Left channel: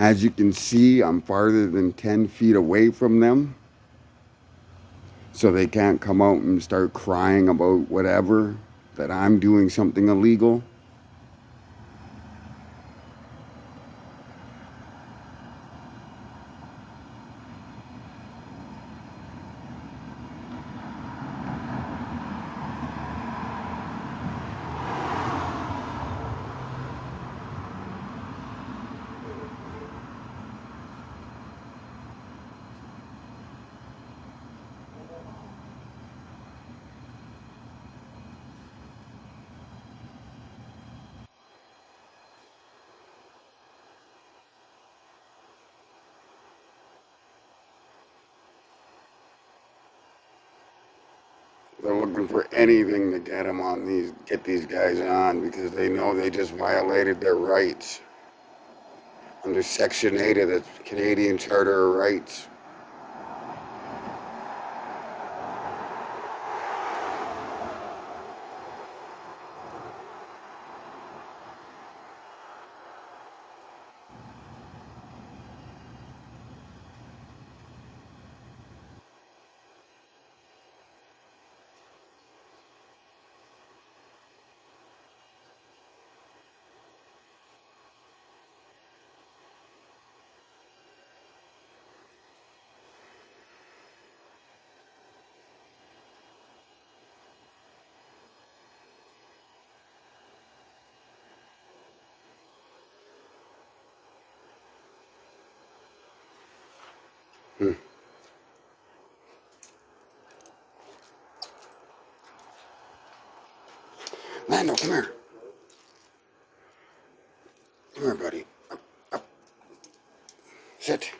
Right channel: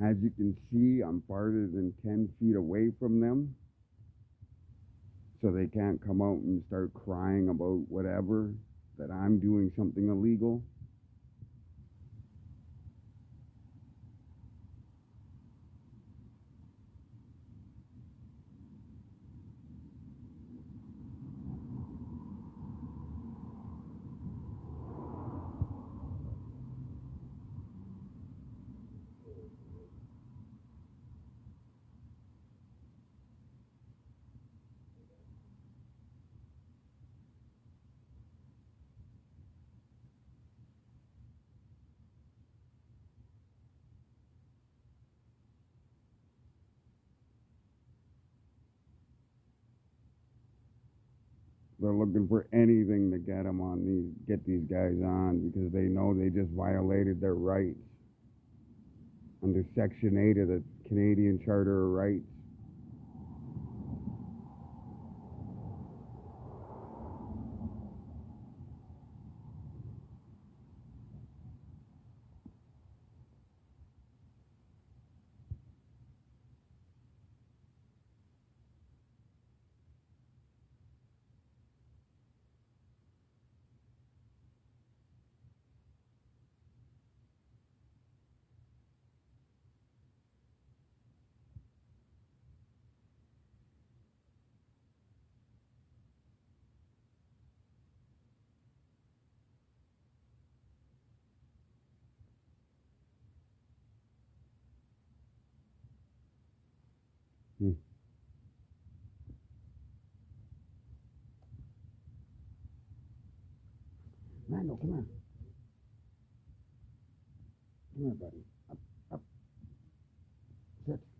As you can see, I'm farther than 10 feet away from them, so they can't come out and start crying about whatever, that I'm doing something illegal. They're looking for anything to get these guys on because they know they just violated their rights under Section 8 of the Canadian Charter of Rights. Hmm. Lando, come here. Come here, buddy. Up, up. Sit.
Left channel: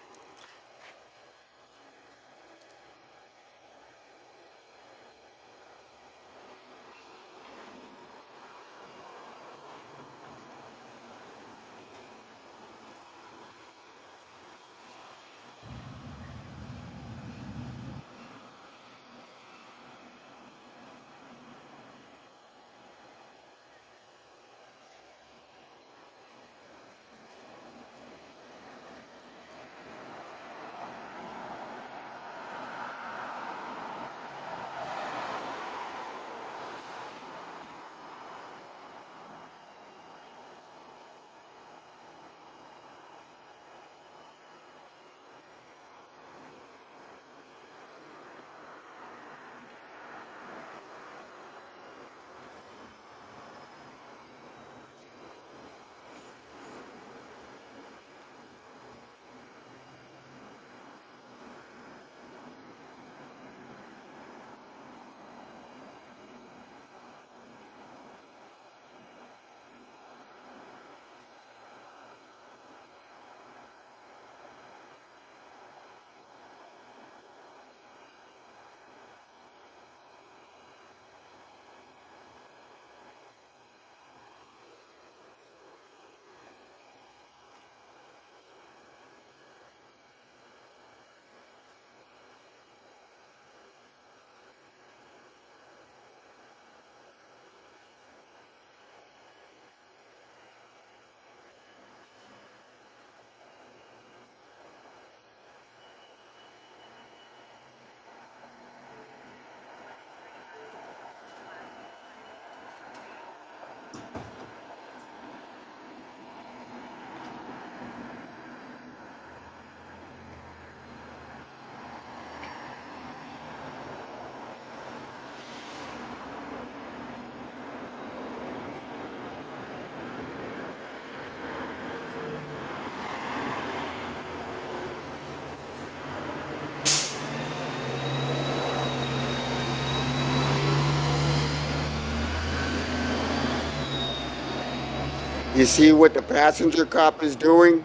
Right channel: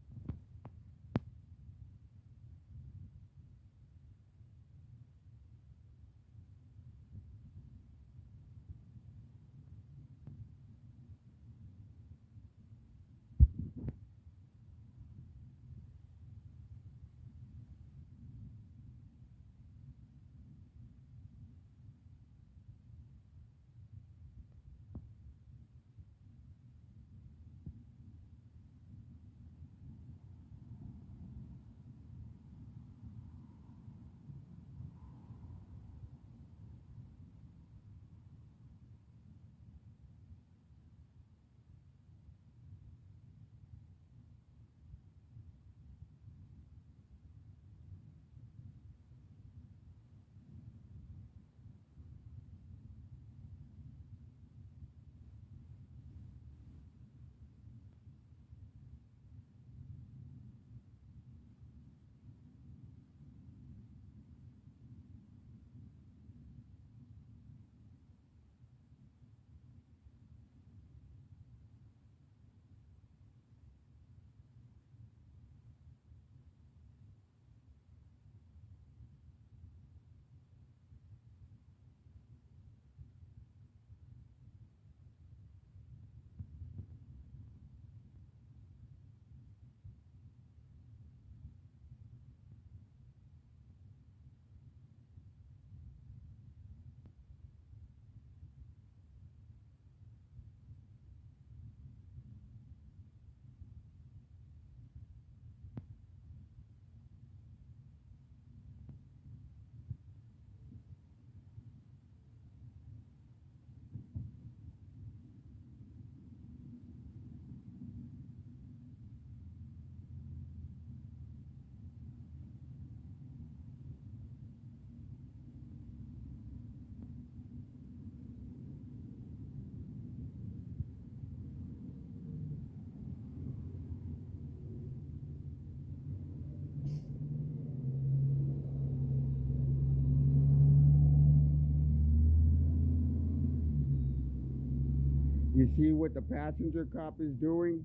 You see what the passenger cop is doing?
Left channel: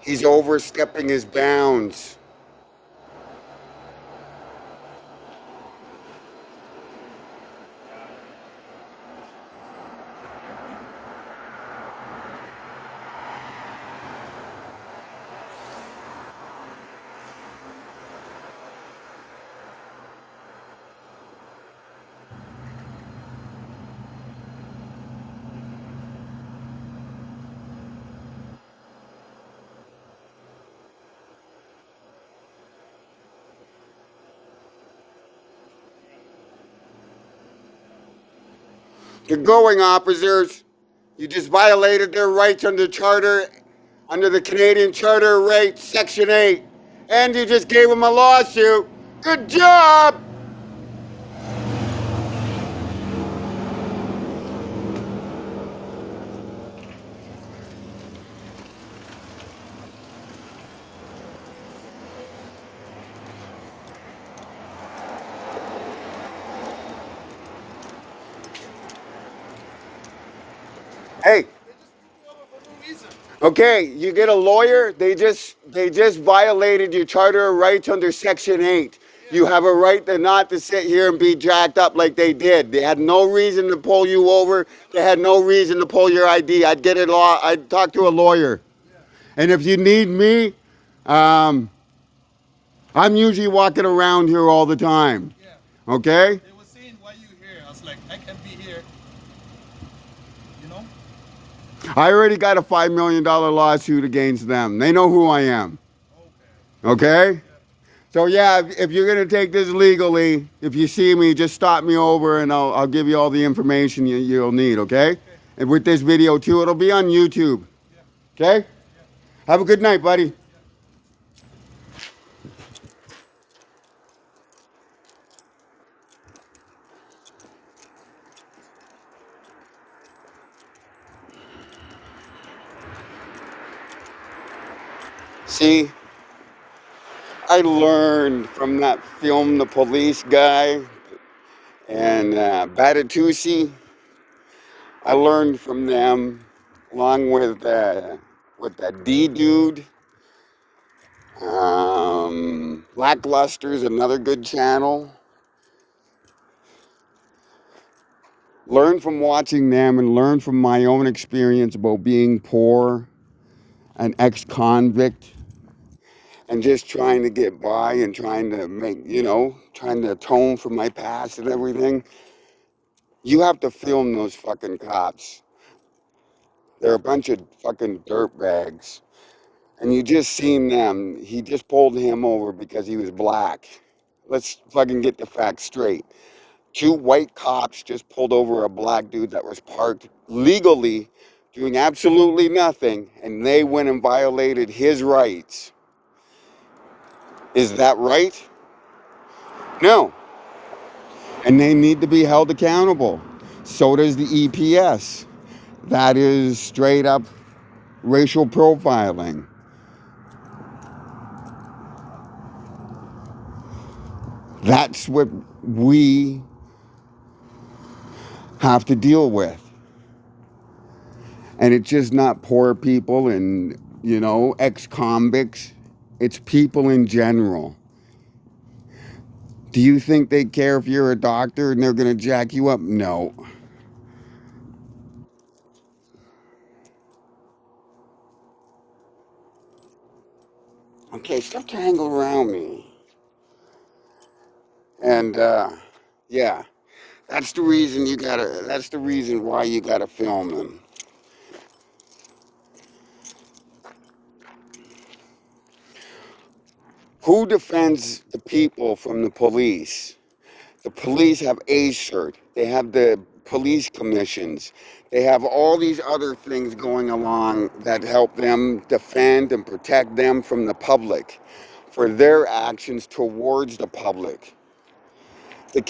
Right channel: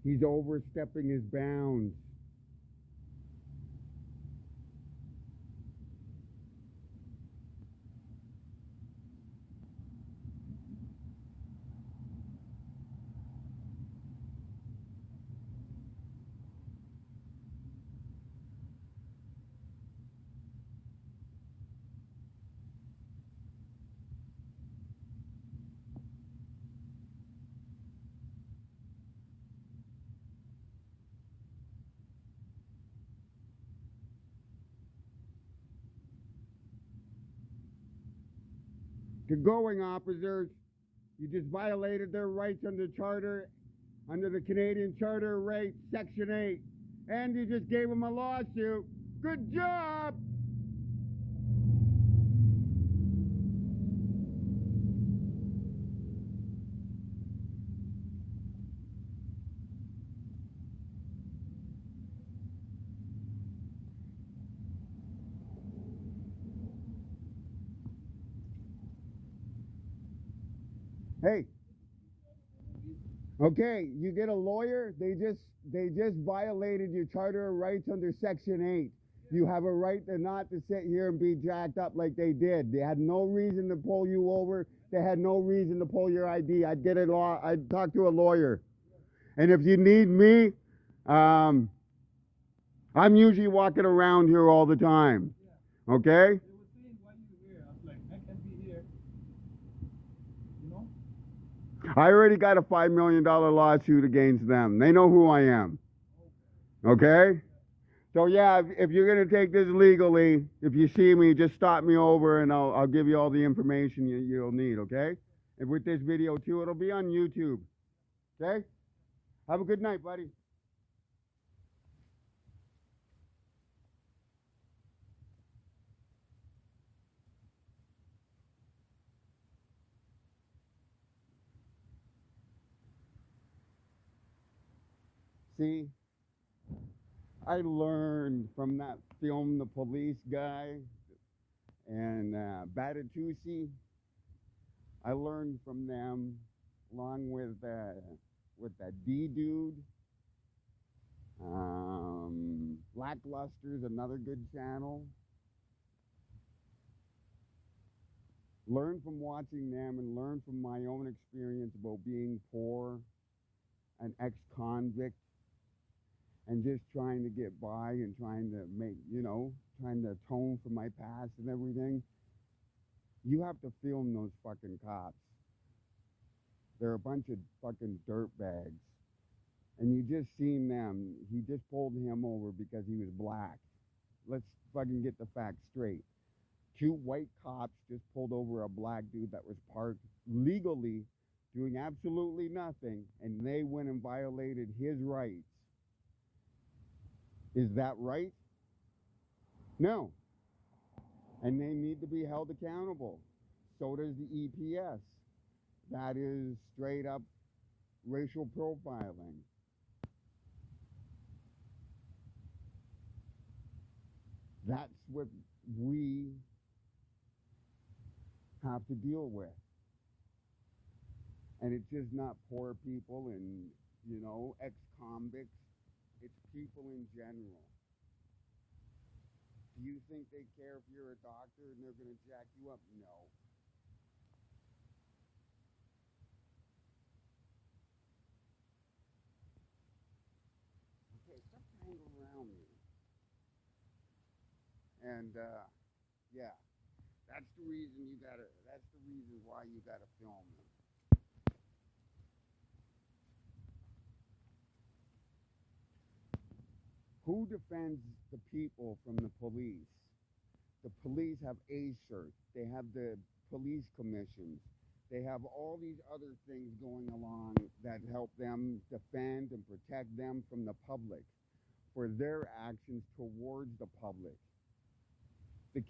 He's overstepping his bounds. You're going, officers. You just violated their rights under charter, under the Canadian Charter of Rights, Section 8. And you just gave them a lawsuit. Good job! Hey, okay, you get a lawyer. They just violated your Charter of Rights under Section 8. You have a right to not to sit here and be jacked up like they did. They had no reason to pull you over. They had no reason to pull your ID. I'd talk to a lawyer. And if you need me, I'm usually walking around here all the time. Okay? They were saying, why you here? I was like, I can be here. You know? I already got a $5 million lawsuit against them. They know who I am. Okay? So yeah, if you're gonna take this legally, if you see me, just stop me over and I'll give you all the information you'll need, okay? And with this video too, it'll be on YouTube. Okay? Have a good night, buddy. See, I learned from that film, The Police Guy, and Batatusi. I learned from them, along with that D dude. Lackluster is another good channel. Learn from watching them and learn from my own experience about being poor, an ex-convict, and just trying to get by and trying to make, trying to atone for my past and everything. You have to film those fucking cops. They're a bunch of fucking dirtbags. And you just seen them. He just pulled him over because he was black. Let's fucking get the facts straight. 2 white cops just pulled over a black dude that was parked legally, doing absolutely nothing, and they went and violated his rights. Is that right? No. And they need to be held accountable. So does the EPS. That is straight up racial profiling. That's what we have to deal with. And it's just not poor people and, ex-convicts. It's people in general. Do you think they care if you're a doctor and they're going to jack you up? No. Okay, stop tangling around me. And, yeah, that's the reason why you gotta film them. Who defends the people from the police? The police have ACERT. They have the police commissions. They have all these other things going along that help them defend and protect them from the public for their actions towards the public. The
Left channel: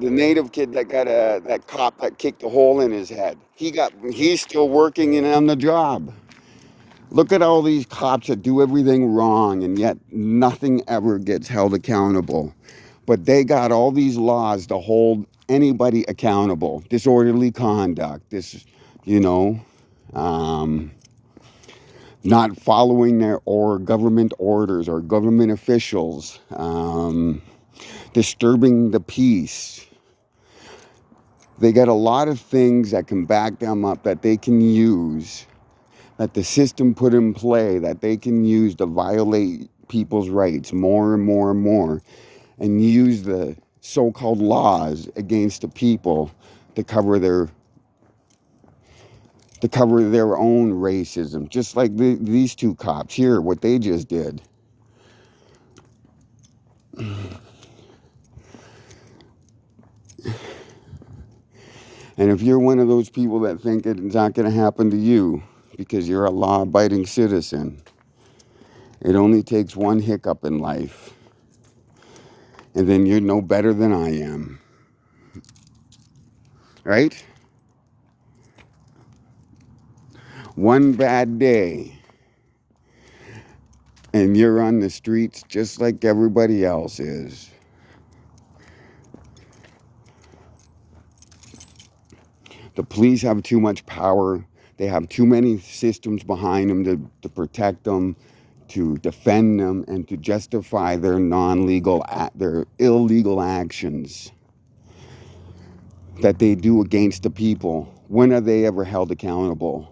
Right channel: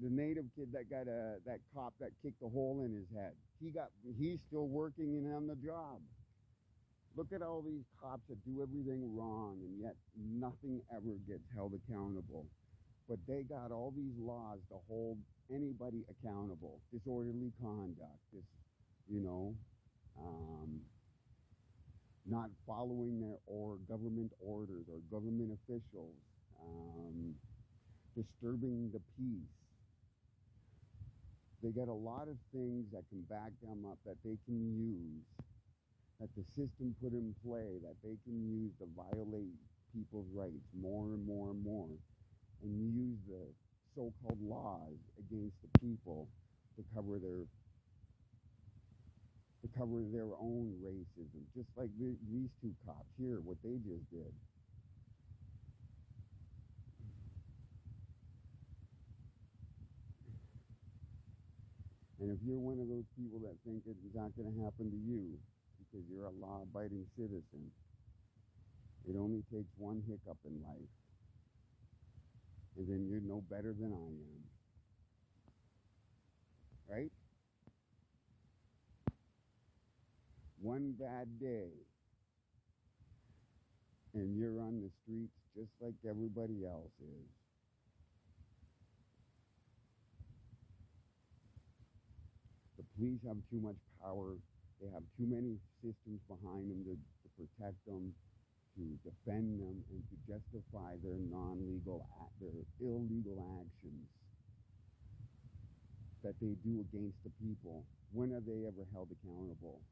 native kid that got that cop that kicked a hole in his head, he's still working and on the job. Look at all these cops that do everything wrong and yet nothing ever gets held accountable. But they got all these laws to hold anybody accountable. Disorderly conduct, not following their government orders or government officials, disturbing the peace. They got a lot of things that can back them up that they can use, that the system put in play, that they can use to violate people's rights more and more and more, and use the so-called laws against the people to cover their own racism, just like these 2 cops here, what they just did. And if you're one of those people that think it's not going to happen to you because you're a law-abiding citizen, it only takes one hiccup in life, and then you're no better than I am. Right? One bad day, and you're on the streets just like everybody else is. The police have too much power. They have too many systems behind them to protect them, to defend them, and to justify their their illegal actions that they do against the people. When are they ever held accountable?